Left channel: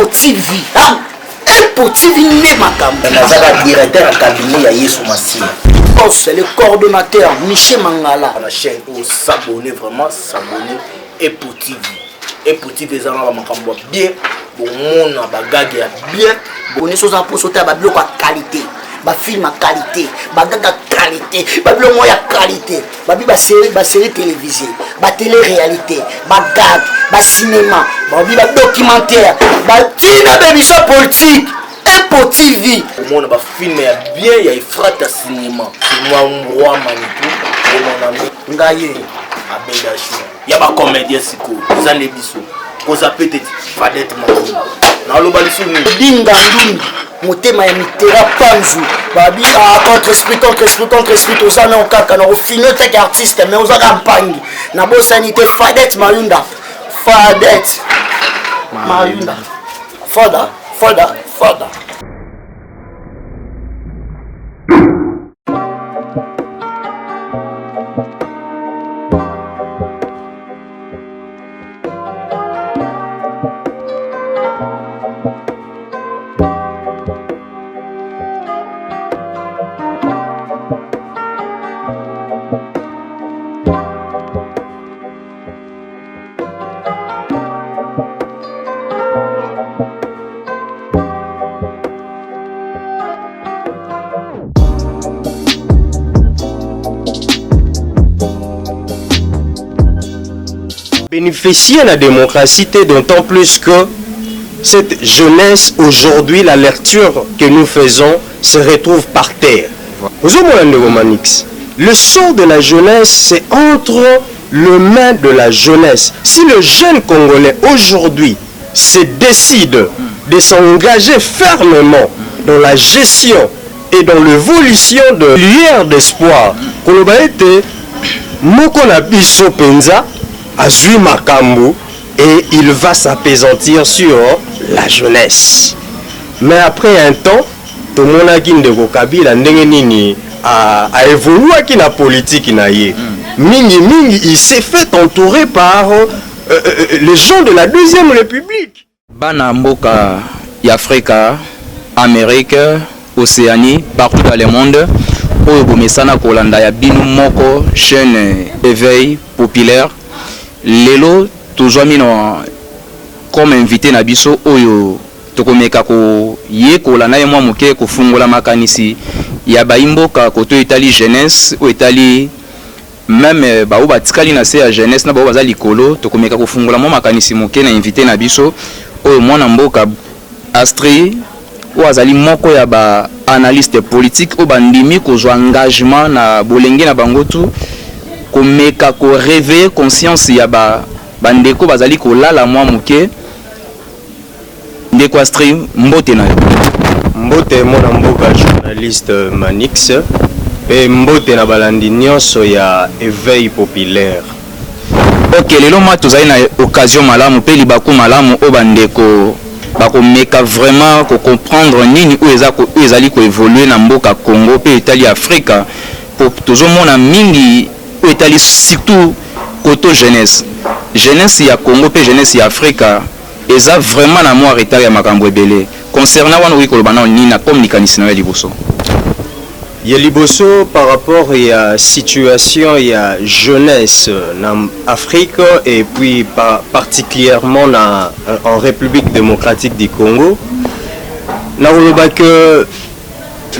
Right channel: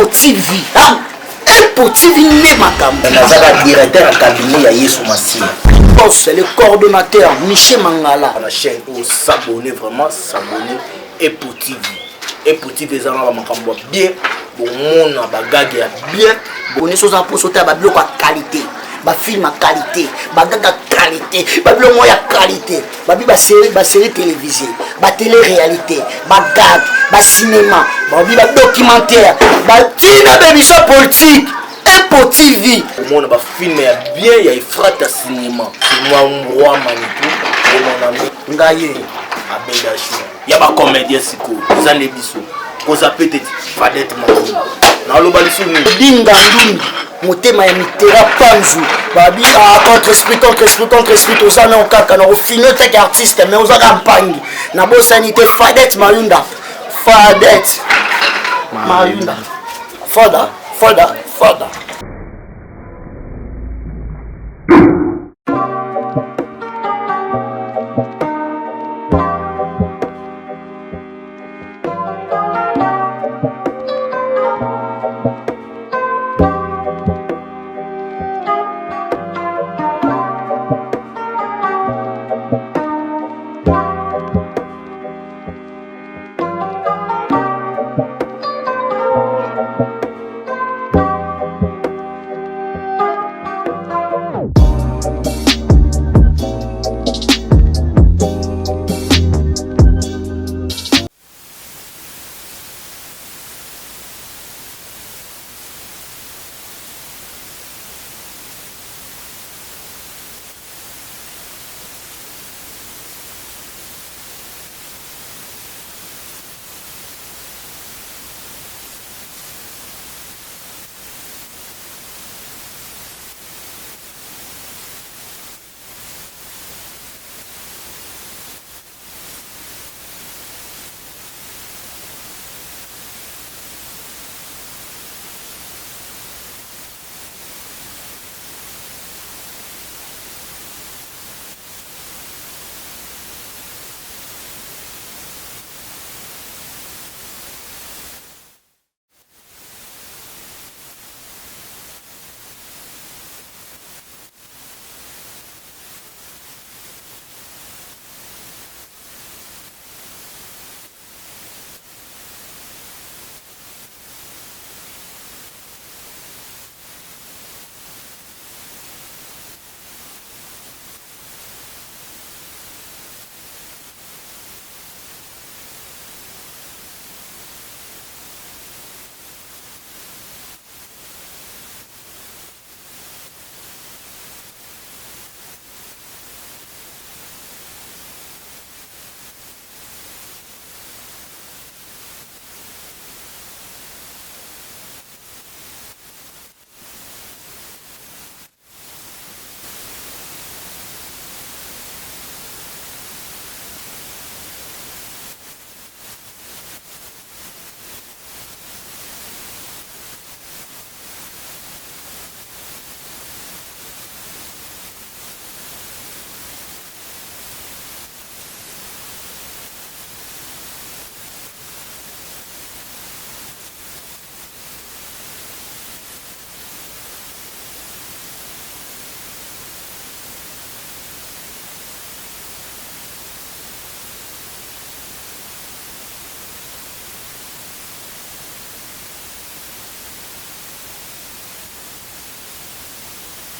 Petit vie. Petit vie n'est ma campagne. Nazaka directeur à cabinet à Yesu Massi. C'est le coordonnateur Michel Mangala. La chaîne pour s'abonner, vraiment s'abonner. Et Petit vie. Et Petit vie, ça va m'accompagner bien. Bon, mon bagage bien. On est sur un poste de qualité. Ba film à qualité, ba gaga qualité, ba bleu moya qualité, ba série télévisée, ba télé-réalité, ba gag, ba cinéma, ba documentaire, ba tina bémission politique, et Petit vie. Au monde ba film bien, il y a frate à cinéma. Moi roi Manitou, et mon ami Ngaye, Abedachi. Il y a ba comédien siko, ça les bisous. Cause peut-être Fadette Matou. Na lo balisu ni dinga ndundu. Motema ya mitera panzu babi contre esprit oza na okaka na ofino teke artiste mais oza kampangi na bosanité Fadette Mayunda Fadette Mayunda Fada Bénéficier de la démocratie, d'autant plus que cette jeunesse aujourd'hui, la lecture que nous faisons se retrouve par terre. Le sort de la jeunesse, c'est entre les mains de la jeunesse. Si le jeune Congolais aujourd'hui se décide de s'engager fermement dans la gestion et dans l'évolution de l'hier d'espoir, Azui Makambu, et il va s'apaisantir sur la jeunesse. Mais après un temps, tout le monde a dit que a évolué dans la politique. Il s'est fait entourer par les gens de la Deuxième République. Bana Mboka, Afrique, Amérique, Océanie, partout dans le monde, pour Bomesana Kolanda, ya binu moko, chaîne éveil populaire. Lelo toujours mino comme invité na biso oyo tokomeka ko yekola na yemwa muke ko fungola makanisi ya baimboka koto Italie jeunesse ou Italie même ba oba tikali na se ya jeunesse na ba baza likolo tokomeka ko fungola mo makanisi muke na invité na biso oyo mwana mboka Astri ou azali moko ya ba analyste politique o bandimi ko zo engagement na bolenge na bangotu komeka ko réveiller conscience ya bandeko bazali ko lala mwa muke ndeko Astri mbote na yo mbote mona mboka journaliste Manix et mbote na balandi nyonso ya éveil populaire. Ok, lelo ma tozali na occasion malamu pe libaku malamu o bandeko bakomeka vraiment ko comprendre nini ou ezali ko évoluer na mboka Congo pe Italie Afrika pour tozomona mingi ou Italie surtout côté jeunesse ya Congo pe jeunesse ya Afrika eza vraiment na moi retard ya makambo ebele concernant wana wiko lobana ni na communication na liboso ya liboso par rapport à la situation ya jeunesse en Afrique et puis particulièrement en République démocratique du Congo na loba que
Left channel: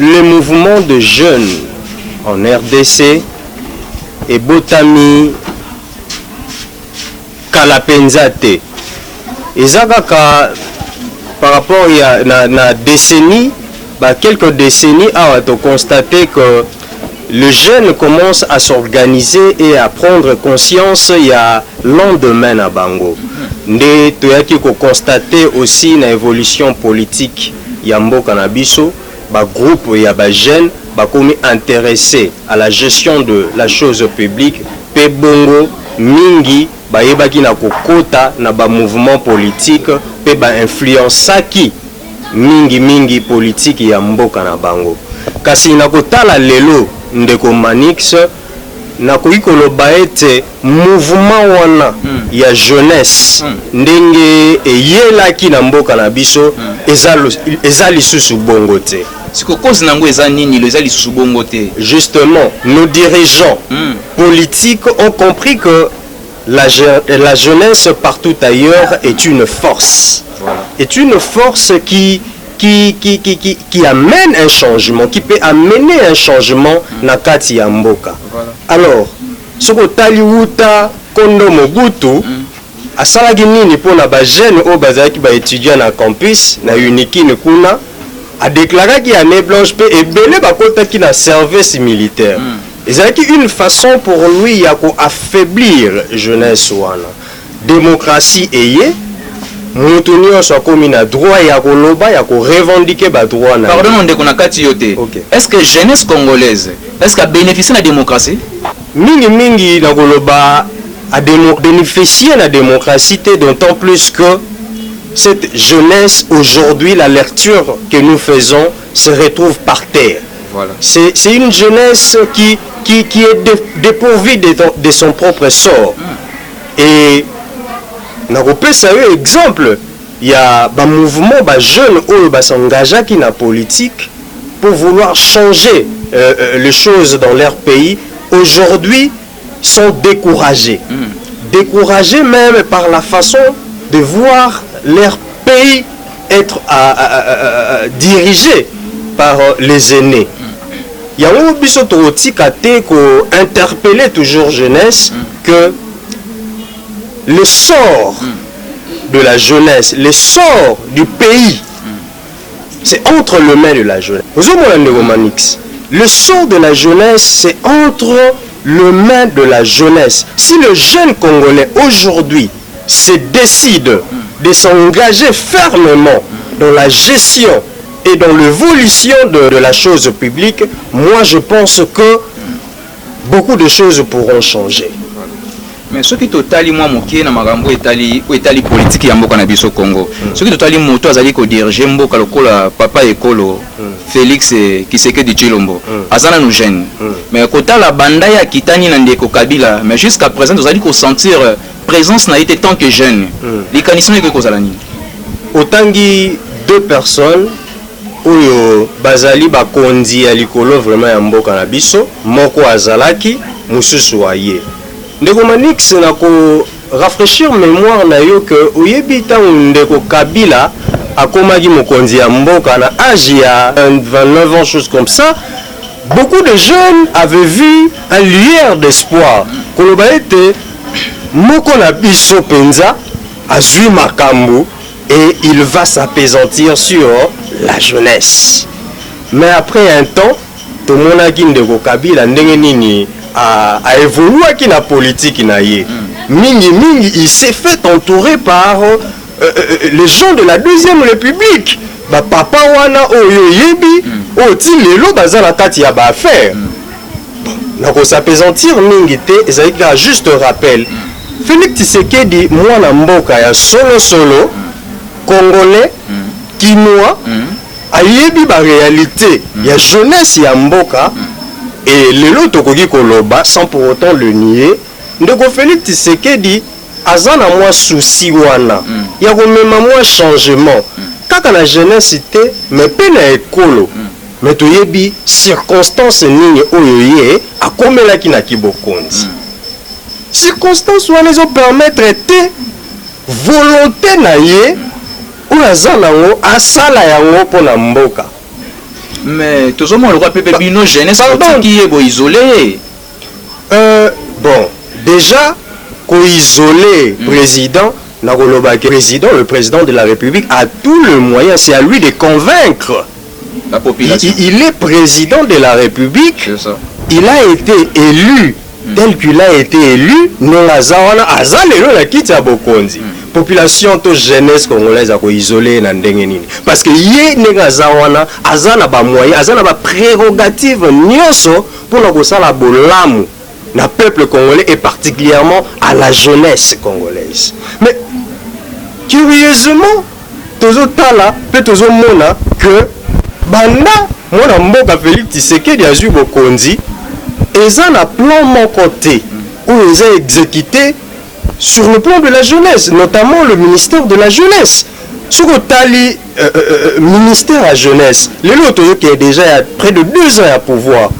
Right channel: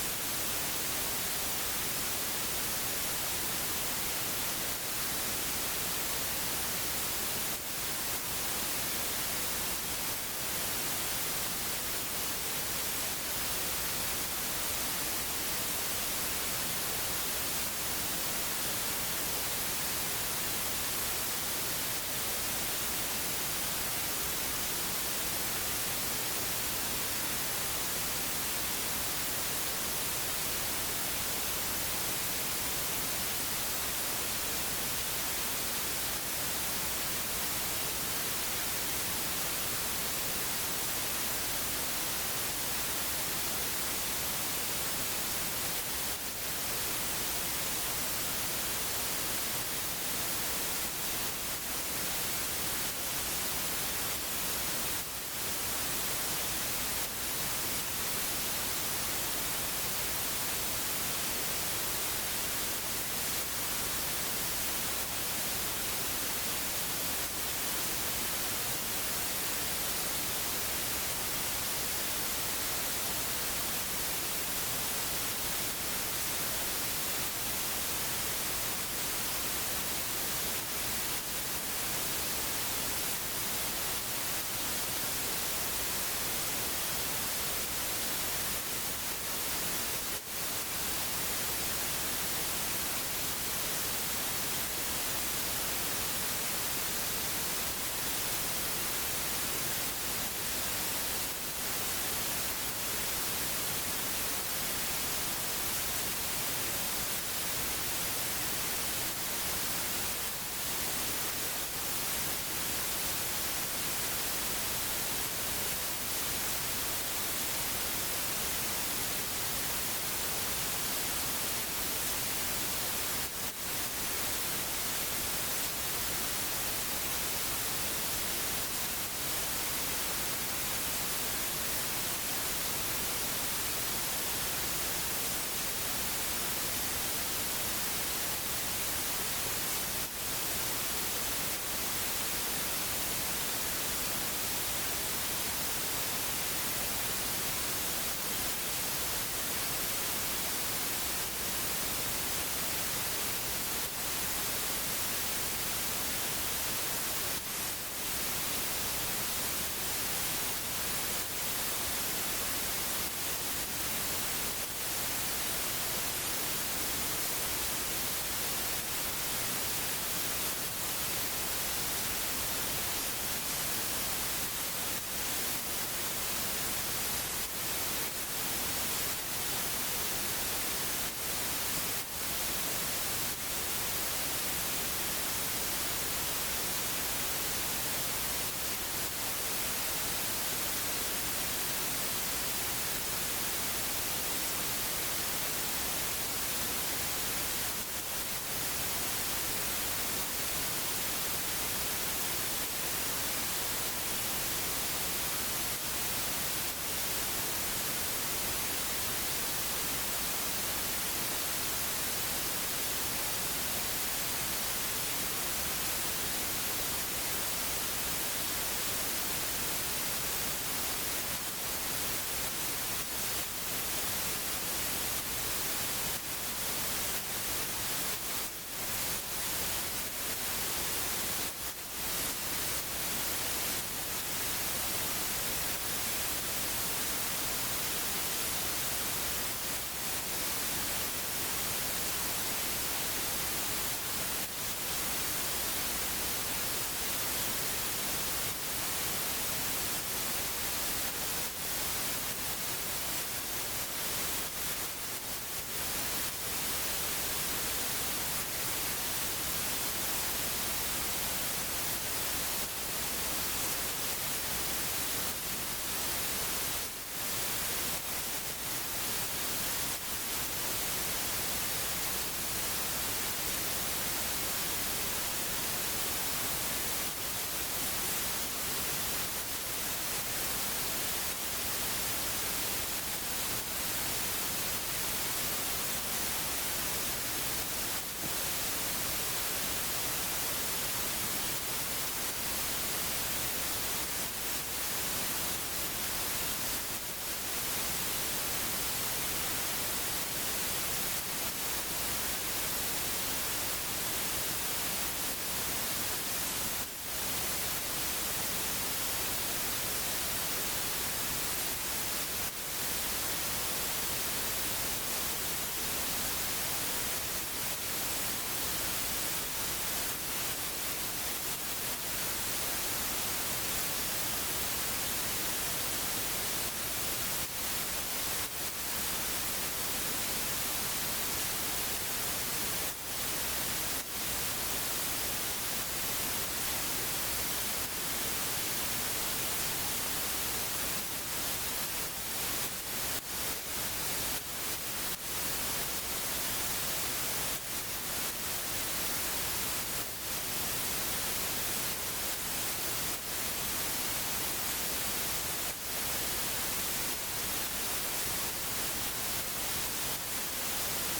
le mouvement de jeunes en RDC et botami kalapenzate ezakaka par rapport à na décennie quelques décennies à constater que le jeune commence à s'organiser et à prendre conscience il y a lendemain à Bango nde toyaki ko constater aussi na évolution politique ya mboka na biso groupe ya jeunes bakomi intéressé à la gestion de la chose publique pe bongo mingi bayebaki na kokota na mouvement politique pe influençaki mingi politique ya mboka na bango kasi na kotala lelo ndeko Manix na koikoloba ete mouvement wana ya jeunesse ndenge eyelaki na mboka na biso eza lisusu bongo te. Justement, nos dirigeants politiques ont compris que la jeunesse partout ailleurs est une force. Est une force qui amène un changement, qui peut amener un changement na kati ya mboka. Alors, ce que Taliwuta Kondo Mobutu asalaki nini pona ba jeune o bazaki ba étudiant na campus na Unikine kuna a déclaré qu'il y a année blanche pe ebele bakotaki na service militaire. Ezalaki une façon pour lui ya ko affaiblir jeunesse wana. Démocratie eye mutu nyonso akomi na droit ya koloba ya ko revendiquer ba droit na. Pardon on ndeko na kati yote. Est-ce que jeunesse congolaise est-ce qu'a bénéficié de la démocratie? Mingi na koloba a bénéficié de la démocratie, d'autant plus que cette jeunesse aujourd'hui, la lecture que nous faisons se retrouve par terre. Voilà. C'est une jeunesse qui est dépourvue de son propre sort. Et na kopesa yo exemple, il y a un mouvement de jeunes qui s'engagent dans la politique pour vouloir changer les choses dans leur pays. Aujourd'hui, sont découragés. Découragés même par la façon de voir leur pays être dirigé par les aînés. Il y a un biso totika te ko interpeller toujours jeunesse que le sort de la jeunesse, le sort du pays, c'est entre les mains de la jeunesse. Le sort de la jeunesse, c'est entre les mains de la jeunesse. Si le jeune Congolais aujourd'hui se décide de s'engager fermement dans la gestion et dans l'évolution de la chose publique, moi je pense que beaucoup de choses pourront changer. Mais ce qui totali moi mokie na magambo etali politique ya mboka na biso Congo. Ce qui totali moto azali ko diriger mboka lokola papa ekolo Félix Tshisekedi Tshilombo. Azana nous jeune. Mais kota la banda ya kitani na ndeko Kabila, mais jusqu'à présent nous allons ko sentir présence na été tant que jeune. Les conditions que kozala ni. Otangi deux personnes oyo bazali bakondi ya likolo vraiment ya mboka na biso, moko azalaki, mususu aye. Ndeko Manix na ko rafraîchir mémoire na yo que oyebi tango ndeko Kabila akomaki mokonzi ya mboka na âge ya 29 ans, choses comme ça. Beaucoup de jeunes avaient vu un lueur d'espoir. Koloba ete moko na biso penza azui makambo et il va s'apaisantir sur la jeunesse. Mais après un temps, tout le monde a dit ndeko Kabila ndenge nini a évolué qui la politique naïe. Mingi, il s'est fait entourer par les gens de la Deuxième République. Ba papa wana oyo yebi oti lelo bazala kati ya ba affaire. Na ko s'apaisantir mingi te ezalika juste rappel. Félix Tshisekedi mwana mboka ya solo congolais kinois ayebi ba réalité ya jeunesse ya mboka. Et lelo tokoki koloba sans pour autant le nier, ndeko Félix Tshisekedi azana moi souci wana ya komema moi changement kaka na jeunesse te mais pe na ekolo mais toyebi circonstance nini oyo ye akomelaki na kibokonzi circonstance wana ezo permettre te volonté na ye oyo aza nango asala yango mpo na mboka. Mais tout le monde le Pépé Bino jeunesse qui est isolé. Bon, déjà, isolé président, le président de la République a tout le moyen, c'est à lui de convaincre la population. Il est président de la République, il a été élu, tel qu'il a été élu, non azawana azalelo la kita bokonzi. Population to jeunesse congolaise a isolé na ndenge nini parce que ye nega zawana azana ba moyen azana ba prérogative nyonso pour na kosala bolamu na peuple congolais et particulièrement à la jeunesse congolaise. Mais curieusement tozo tala pe tozo mona que banda mona mboka Félix Tshisekedi azui bokonzi eza na plan mon côté où ils ont exécuté sur le plan de la jeunesse, notamment le ministère de la jeunesse. Sur le tali ministère à la jeunesse, le lot qui est déjà il y a près de 2 ans à pouvoir.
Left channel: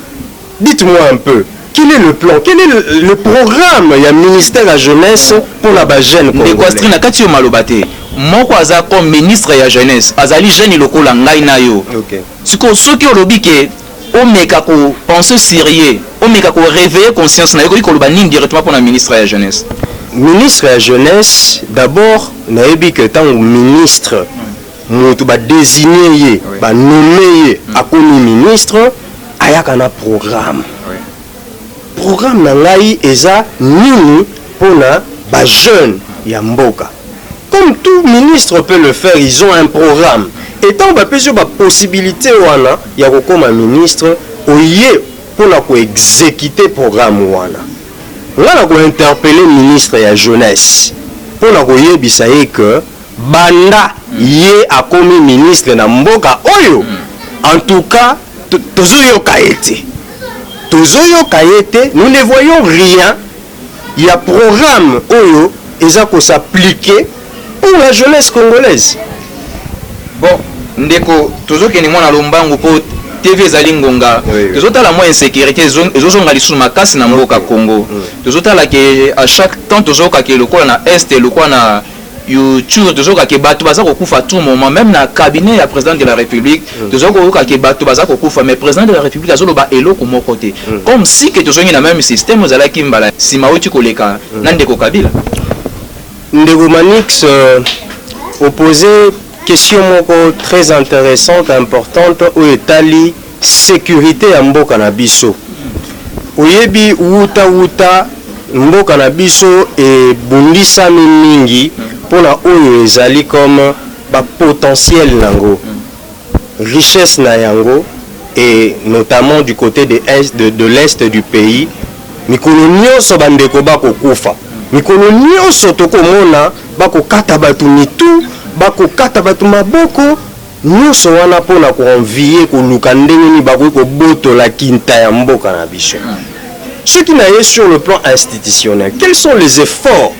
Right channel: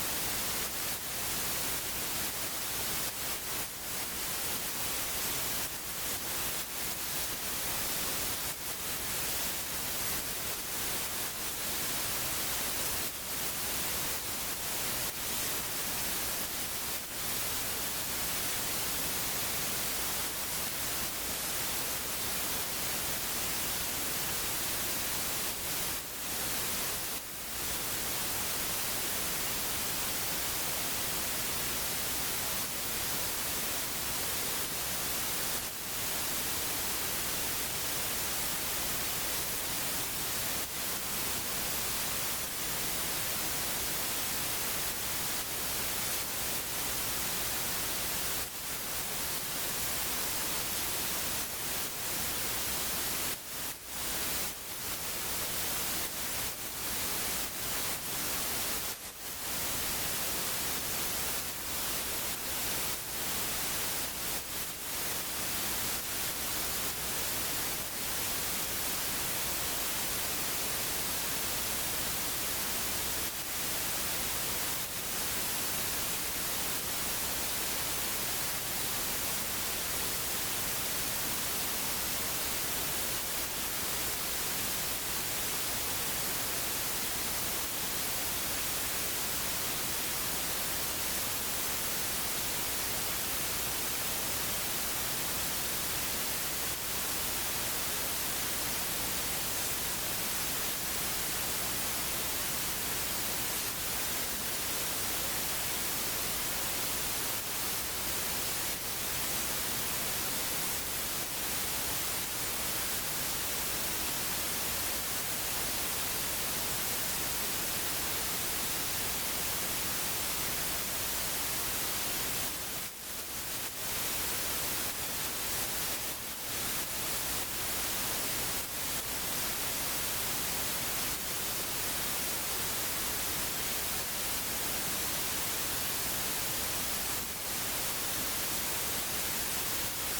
Dites-moi un peu, quel est le plan, quel est le programme il y a ministère à la jeunesse pour la jeune congolaise? Moko aza comme ministre ya jeunesse azali jeune lokola ngai na yo. Siko soki olobi ke omeka ko penser sérieux, omeka ko réveiller conscience na yo ko loba nini directement pour la ministre ya jeunesse. Ministre ya jeunesse d'abord nayebi que tant ministre mutu ba désigner ye ba nommer ye akomi ministre ayaka na programme. Programme na ngai eza nini pona ba jeune ya mboka. Comme tout ministre peut le faire, ils ont un programme. Et tant que vous avez possibilité, il y a comme un ministre pour exécuter le programme. On a interpellé le ministre de la jeunesse pour que Banda yé a comme ministre de Mboka Oyo. En tout cas, nous ne voyons rien. Il y a un programme Oyo et ça peut s'appliquer pour la jeunesse congolaise. Bon, ndeko tozokeni mwana lombangu po TV ezali ngonga. Tozotala mo insécurité ezozonga lisusu makasi na mboka Congo. Tozotala ke à chaque temps tozoka ke lokola na est lokola na YouTube tozoka ke bato baza kokufa tout moment même na cabinet ya président de la République tozoka ke bato baza kokufa mais président de la République azoloba eloko moko te. Comme si que tozongi na même système ozala kimbala sima oti koleka na ndeko Kabila. Ndeko Manix opposé question très intéressante, importante, où est la sécurité à Mboka na biso. Oyebi wuta Mboka na biso et bundisa mingi pour la oyo ezali comme ba potentiel nango. Richesse na yango et notamment du côté de l'est du pays. Mikolo nyonso bandeko bako kufa. Mikolo nyonso tokomona bako kata batu mitu. Bako kata batu maboko nyonso wana pona ko envier ko luka ndenge ni bako ko boto la kinta ya mboka na biso. Ce qui n'est sur le plan institutionnel, quels sont les efforts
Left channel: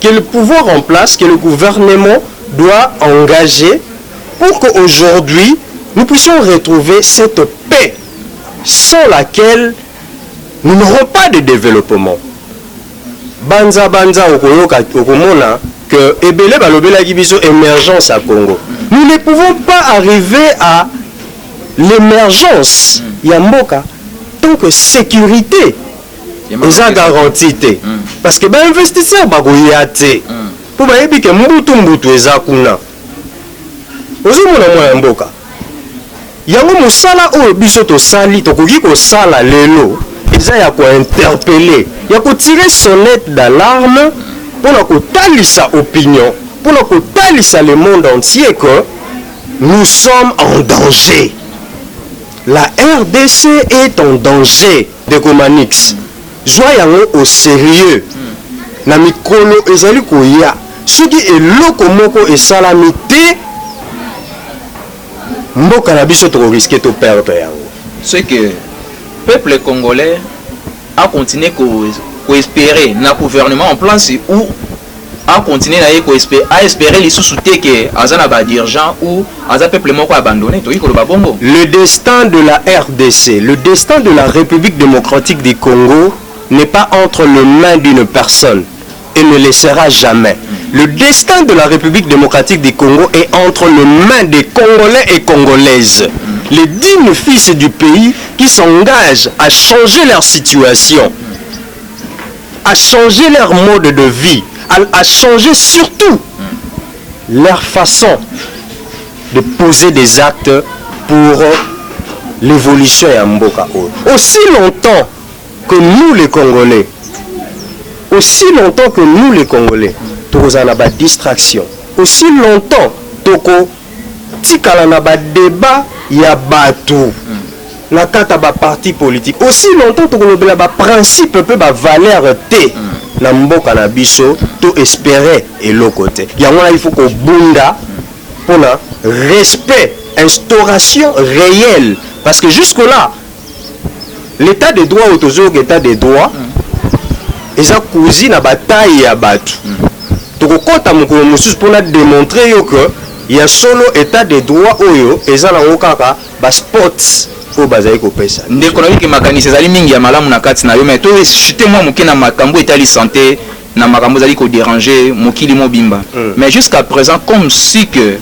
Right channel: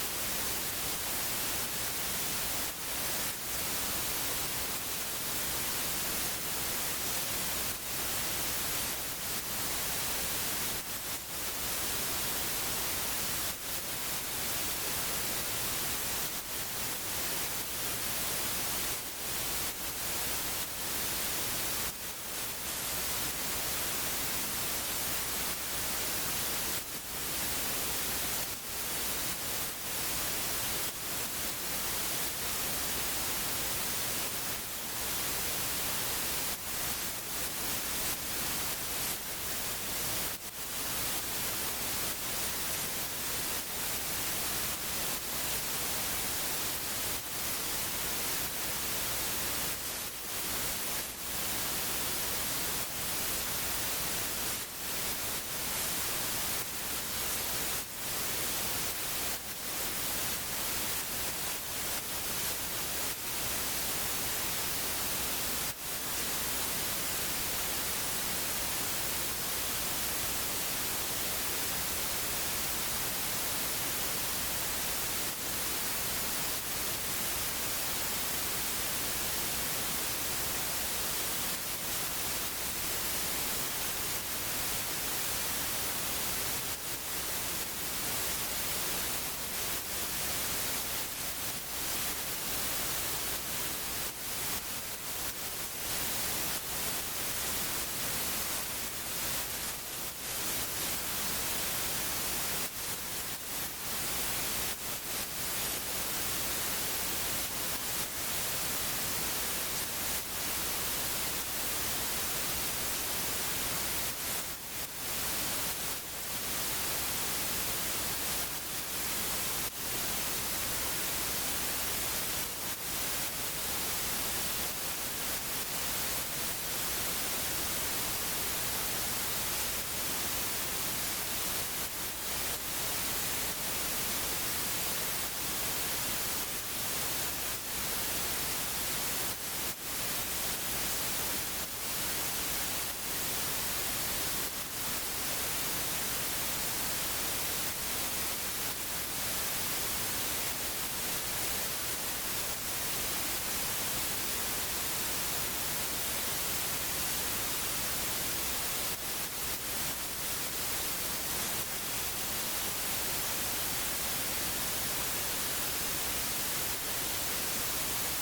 que le pouvoir en place, que le gouvernement doit engager pour qu'aujourd'hui nous puissions retrouver cette paix sans laquelle nous n'aurons pas de développement. Banza okoyoka okomona que ebele balobela kibiso émergence à Congo. Nous ne pouvons pas arriver à l'émergence Yamboka tant que sécurité est garantie. Parce que les investisseurs bagoyate pour bayebi que mbutu ezakuna. Ozomona mwana mboka. Yango musala o biso to sali to koki ko sala lelo. Eza ya ko interpeller, ya ko tirer sonnette d'alarme pour nous talisa opinion, pour nous talisa le monde entier que nous sommes en danger. La RDC est en danger de Comanix. Joyons au sérieux. Na mikolo ezali koya, ce qui est lokomoko et salamité, mboka na biso to risquer to perdre. C'est que le peuple congolais a continué à espérer un gouvernement en place ou a continué à espérer les sous-soutés que Azana ba dirigeant ou Azana peuple moko abandonné. Le destin de la RDC, le destin de la République démocratique du Congo n'est pas entre les mains d'une personne et ne le sera jamais. Le destin de la République démocratique du Congo est entre les mains des Congolais et Congolaises. Les dignes fils du pays qui s'engagent à changer leur situation, à changer leur mode de vie, à changer surtout leur façon de poser des actes pour l'évolution à Mboka. Aussi longtemps que nous les Congolais, nous avons des distractions. Aussi longtemps que nous avons des débats, il y a bateau. Na kata ba parti politique. Aussi longtemps que nous avons des principes, des valeurs, na mboka na biso, to espérer et l'autre côté. Il faut que bunda pour le respect, instauration réelle. Parce que jusque-là, l'état de droit, l'état de droit, eza cousi na bataille ya bato tokokota mokolo mosusu mpona démontrer yo que ya solo état de droit oyo eza nango kaka basports oyo bazali kopesa ndeko na biki makanisi ezali mingi ya malamu na kati na yo mais to chute mwa moke na makambo etali santé na makambo ezali kodéranger mokili mobimba mais jusqu'à présent comme si que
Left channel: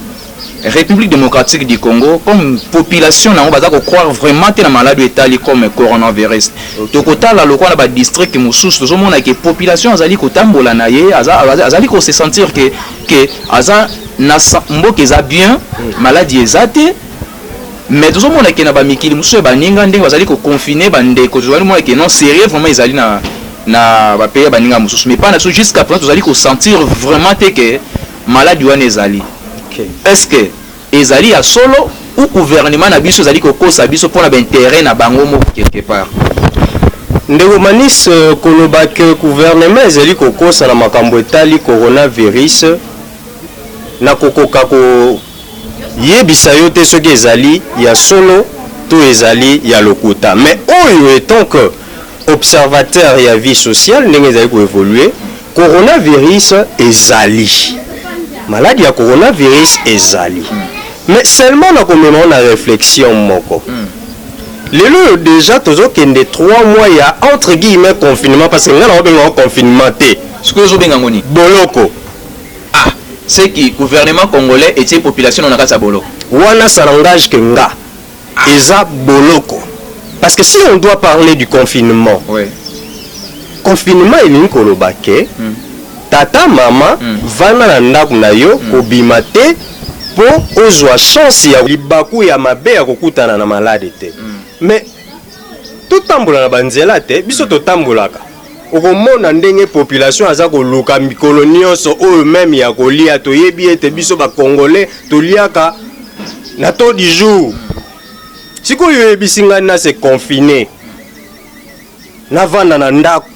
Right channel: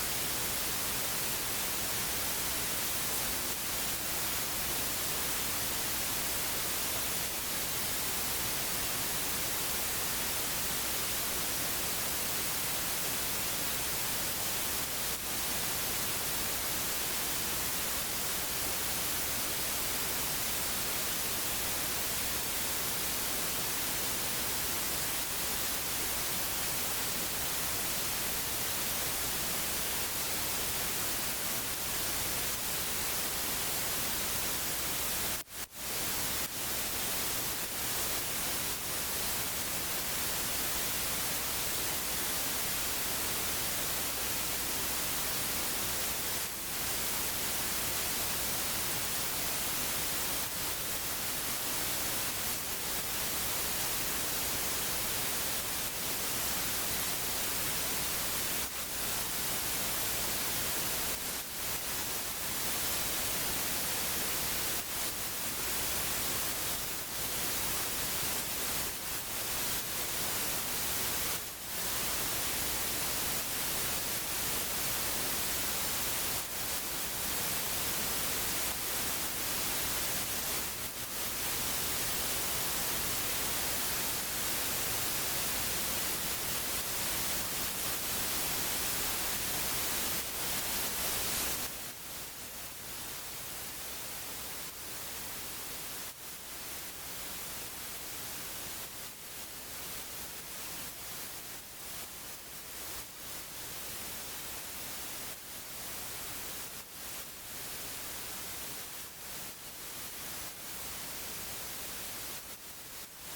République démocratique du Congo comme population nango baza ko croire vraiment te na malade etali comme coronavirus tokotala lokwa na ba district mosusu tozomona ke population azali kotambola na ye azali ko se sentir que aza na mboka eza bien maladie eza te mais tozomona ke na ba mikili mosusu baninga ndenge bazali ko confiner bandeko tozomona ke non sérieux vraiment ezali na ba pays baninga mosusu mais pas na jusqu'à présent tozali ko sentir vraiment te que maladie wana ezali. Est-ce que ezali ya solo ou gouvernement na biso ezali kokosa biso pona ba intérêt na bango mo quelque part ndeko manis koloba ke gouvernement ezali kokosa na makambo etali coronavirus na kokoka ko yebisa yo te soki ezali ya solo to ezali ya lokuta mais oyo étant que observateur ya vie sociale ndenge ezali ko évoluer coronavirus ezali maladie ya coronavirus ezali mais seulement na komema na réflexion moko lelo déjà tozokende 3 mois ya entre guillemets confinement parce que nga na obenga confinement te ce que zo benga ngoni boloko c'est que gouvernement congolais et ses populations na kasa boloko wana ça n'engage que nga eza boloko parce que si on doit parler du confinement confinement elingi koloba ke tata mama vana na ndako na yo kobima te po ozwa chance ya libaku ya mabe ya kokutana na malade te mais totambola na banzela te biso totambolaka okomona ndenge population aza koluka mikolo nyonso oyo meme ya kolia toyebi ete biso bakongolais toliaka na to du jour sikoyo oyebisi ngai na se confine navanda na ndako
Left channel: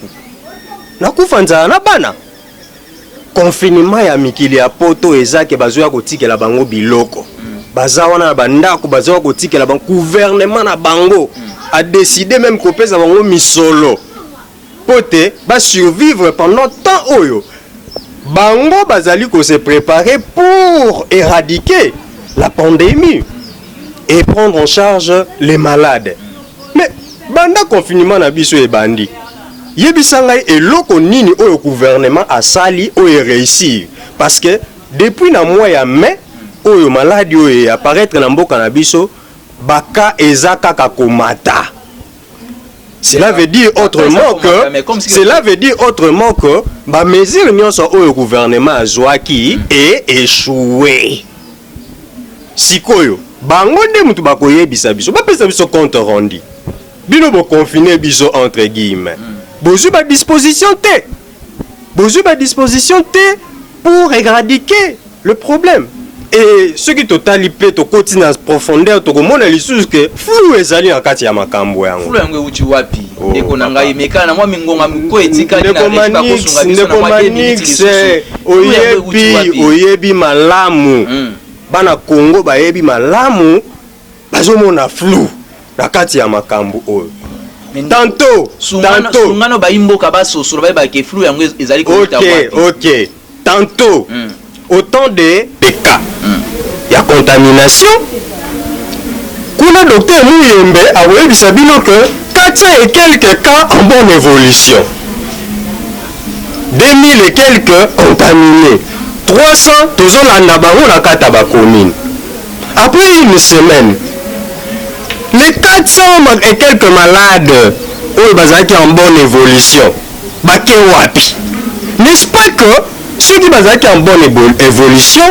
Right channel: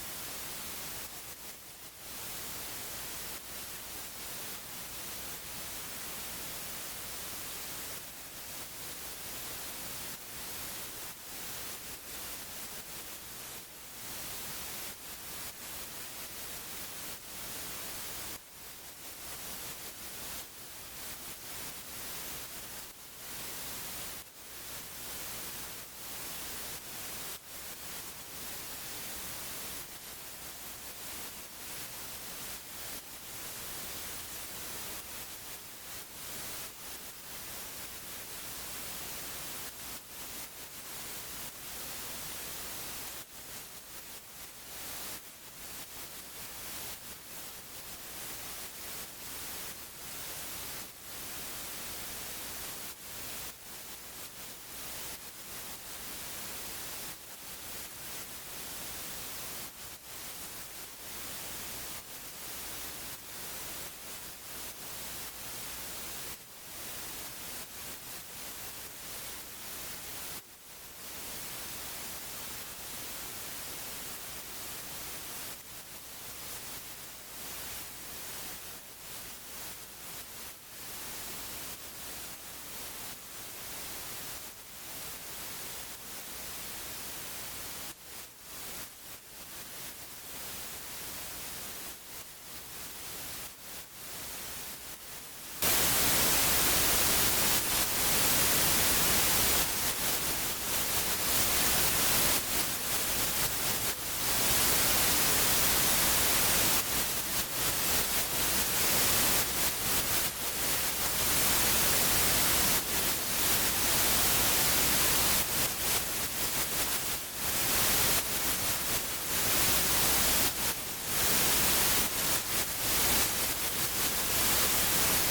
nakufa nzala na bana confinement ya mikili ya poto ezake bazoya kotikela bango biloko baza wana na bandako bazoya kotikela bango gouvernement na bango a décidé même kopesa bango misolo pote ba survivre pendant temps oyo bango bazali ko se préparer pour éradiquer la pandémie et prendre en charge les malades mais banda confinement na biso e bandi yebisanga eloko nini oyo gouvernement asali oyo réussir parce que depuis na mois ya mai oyo maladie oyo apparaître na mboka na biso baka ezaka kakomata. Cela veut dire autrement que ba mesure nyonso oyo gouvernement azwaki et échoué sikoyo bango nde mutu bakoyebisa biso bapesa biso compte rendu bino bo confiner biso entre guillemets bozu ba disposition T pour éradiquer le problème. Et ce qui total pe to continue en profondeur to komona lisusu que flou ezali na kati ya makambo yango. Flou yango uchi wapi? Ndeko na ngai meka na mwa mingonga mko etika ni na reshika kosunga biso na mwa minutes. Oyebi malamu. Bana Congo bayebi malamu bazomona flou na kati ya makambo oyo. Tantôt sungano ba imboka ba sosoro ba ke flou yango ezali ko wapi. OK. Tantôt autant de cas il y a contamination kuna docteur Muyembe a webisa bino que 400 et quelques cas en bonne évolution 2000 et quelques contaminés 300 tozolanda bango na kata ba commune après une semaine les 400 et quelques malades oyo bazaki en bonne évolution bake wapi n'est-ce pas que ceux qui basent en bonne évolution,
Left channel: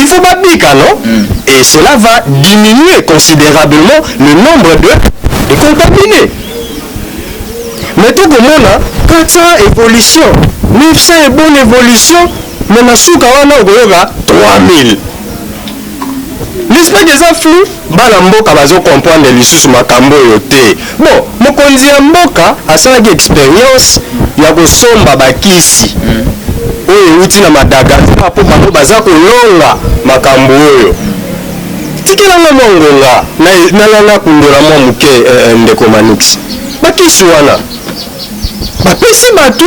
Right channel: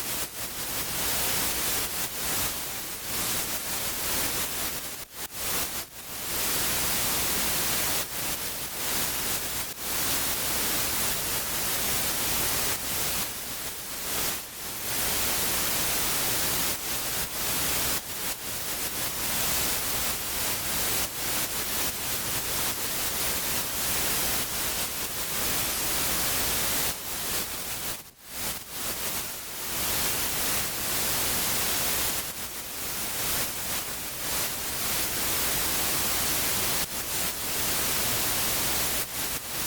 il faut pas piquer, non? Et cela va diminuer considérablement le nombre de contaminés. Mais tout le monde a 400 évolutions, 900 et bonne évolution, mais on a 3000. N'est-ce pas que ça flou? Balamboka bazo comprendre l'issue makambo yote. Bon, mokonzi ya mboka a une expérience ya kosomba bakisi. Oyo uti na Madagascar po bango baza kolonga makambo oyo tikela na mongonga na lana kundola mwa muke ndeko manix bakisi wana bapesi batu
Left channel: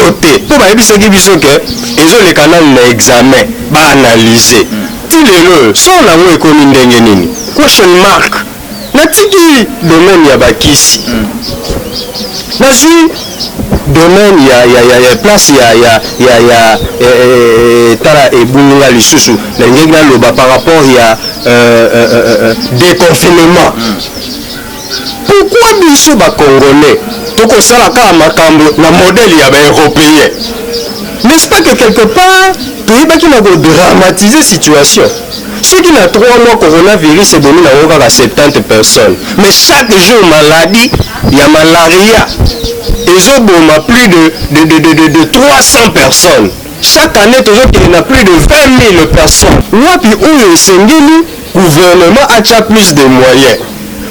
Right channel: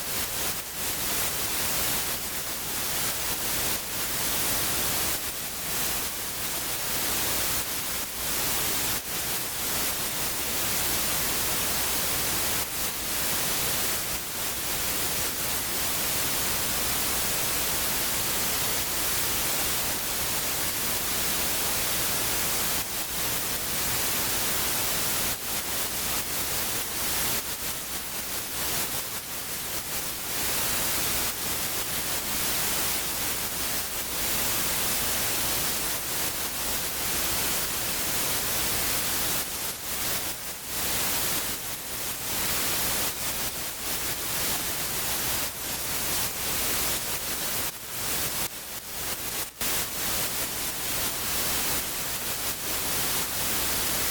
to te po bayebisaki biso ke ezoleka nanu na examen baanalyse ti lelo so nango ekomi ndenge nini question mark natiki domaine ya bakisi nazwi domaine ya place ya tala ebunga lisusu na ngenge naloba par rapport ya déconfinement. Pourquoi biso bacongolais tokosala kaka makambo na modèle ya baeuropéen? N'est-ce pas que quelque part toyebaki na kodramatiser situation? Ceux qui n'ont 3 mois coronavirus ebomi na kaka 70 personnes, mais chaque jour maladie ya malaria ezoboma plus de 300 personnes. Chaque année tozokende na plus de 20 000 personnes. Wapi oyo esengeli gouvernement acha plus de moyens.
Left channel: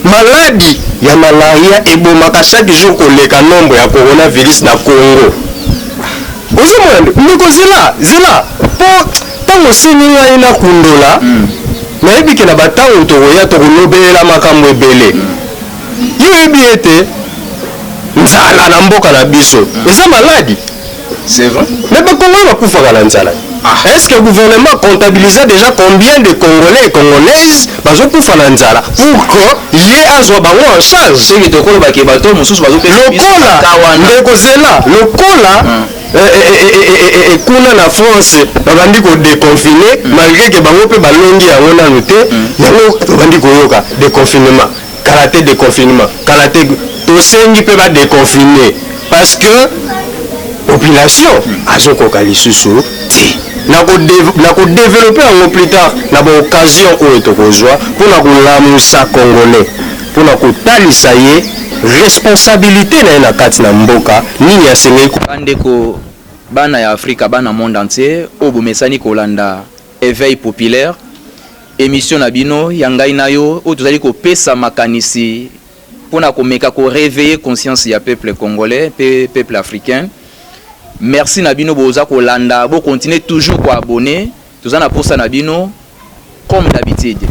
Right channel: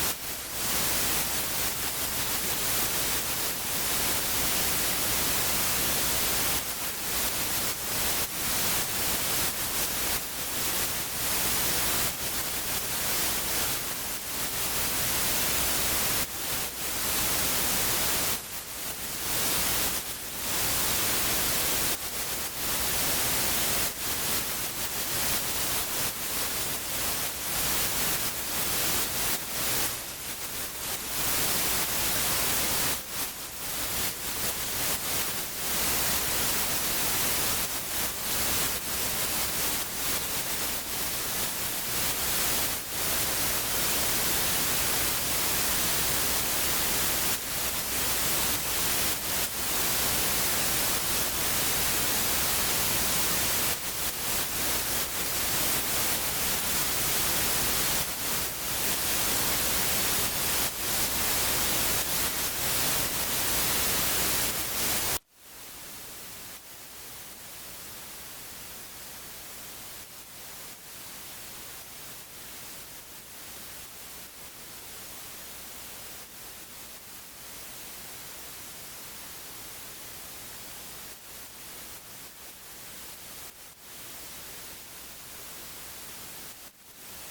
Maladie ya malaria ebomaka chaque jour koleka nombre ya coronavirus na Congo. Ozomona ndeko zela po tango seninga ina kundola nayebi ke na batango tokoya tokolobela makambo ebele. Yebi ete nzala na mboka na biso eza maladie. C'est vrai. Mais Congolais va pouvoir aller en Nzala. Est-ce que le gouvernement comptabilise déjà combien de Congolais et Congolaises vont pouvoir aller en Nzala pour qu'il y ait un jour en charge? C'est que le Congolais qui est bateau, mon sous bateau. Le Cola, et kuna na France, bandi ko déconfiné malgré que bango pe balongi ya ngona noté, yango bandi ko yoka déconfinement, karaté déconfinement, karaté to sengi pe ba déconfiné parce que population azokoka lisusu te na ko développer en plus tard na ba occasion oyo tokozwa pour na kolamusa congolais pour na kotalisa ye responsabilité na kati na mboka nini asengeli bandeko bana ya Afrika bana monde entier obomesani kolanda éveil populaire émission na bino ya ngai na yo o tozali kopesa makanisi pona komeka ko réveiller conscience ya peuple congolais peuple africain. Merci Nabino boza kolanda bo continuer toujours ko abonner tozana posa Nabino comme d'habitude.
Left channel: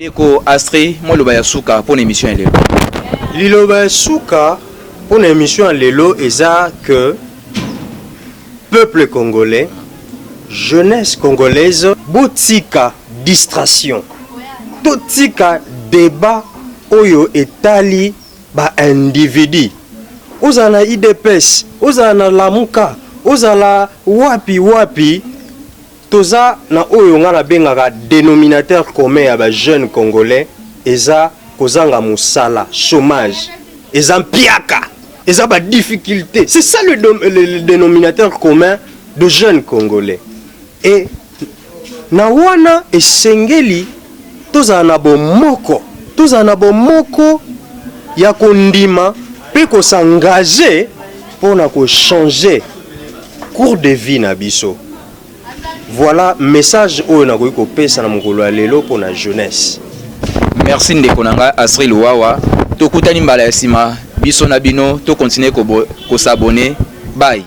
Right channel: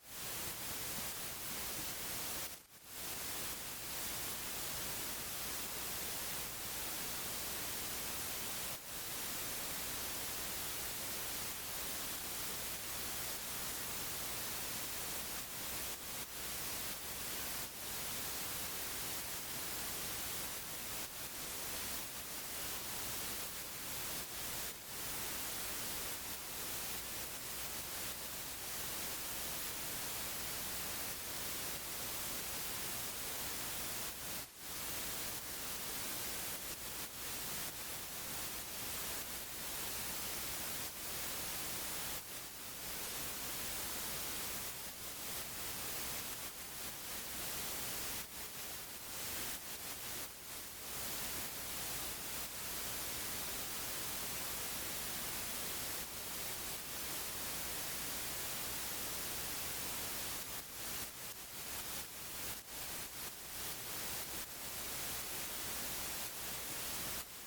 Deko Astrid mo loba ya suka pour émission lelo. Liloba suka pour émission lelo eza que peuple congolais, jeunesse congolaise, botika distraction. Botika débat oyo etali ba individu. Ozana IDPS, ozana Lamuka, ozala wapi toza na oyo ngana bengaka dénominateur commun ya ba jeunes congolais eza kozanga musala chômage eza mpiaka eza ba difficulté. C'est ça le dénominateur commun de jeunes congolais. Et na wana esengeli toza na bomoko ya kondima pe ko s'engager pour na ko changer cours de vie na biso. Voilà message oyo na ko pesa na mokolo lelo pour na jeunesse. Merci ndeko nanga Astrid Luwawa. Tokutani mbala ya sima biso na bino to continuer ko s'abonner. Bye.